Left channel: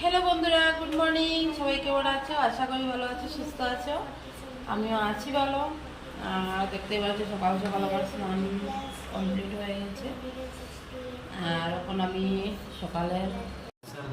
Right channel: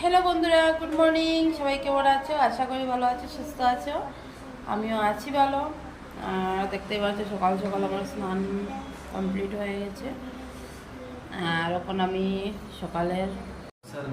Hello বন্ধুরা good morning সবাই কেমন আছো? আশা করি ভালো আছো সুস্থ আছো। আমিও আছি ভালো। আর দেখতেই পাচ্ছ সকাল সকাল আমার স্নান কমপ্লিট হয়ে গেছে। আর এখন আমি সকালের सर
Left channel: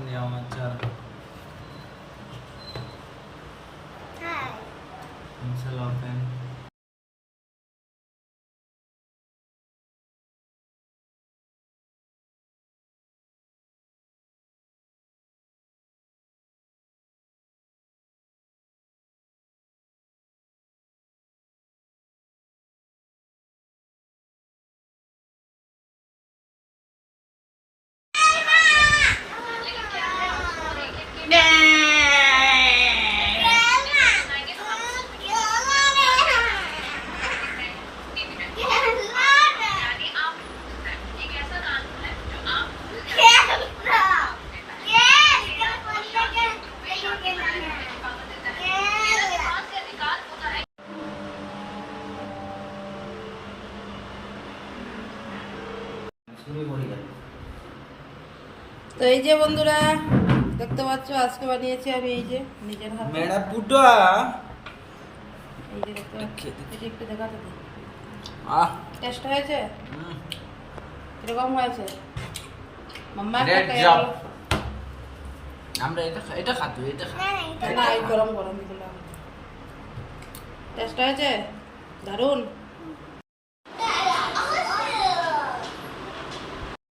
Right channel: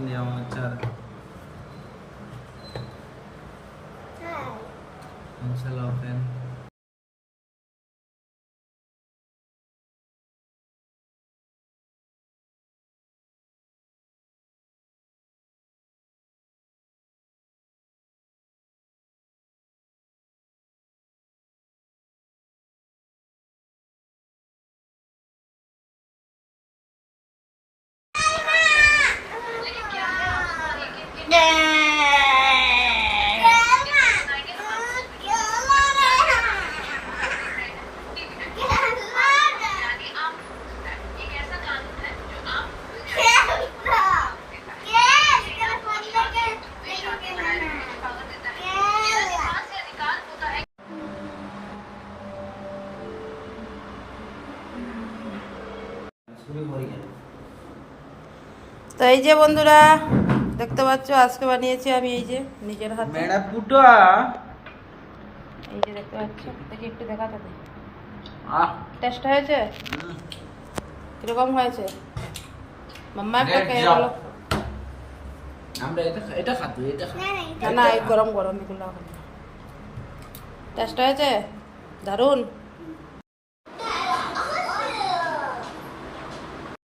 তো এই যে বন্ধুরা দেখতে পাচ্ছ? আজকে বানিয়েছি আমি এই যে নিজের হাতে। বেড়া এই যে দেখতে পাচ্ছ? একটু দেখাতে দে। টেস্ট হয়েছে? কীরকম হয়েছে? মাম্মা একটা বলো। আমরা এটা এটা খাতো এটা না এই গরম গরম এগুলো টেস্ট হয়েছে? দারুণ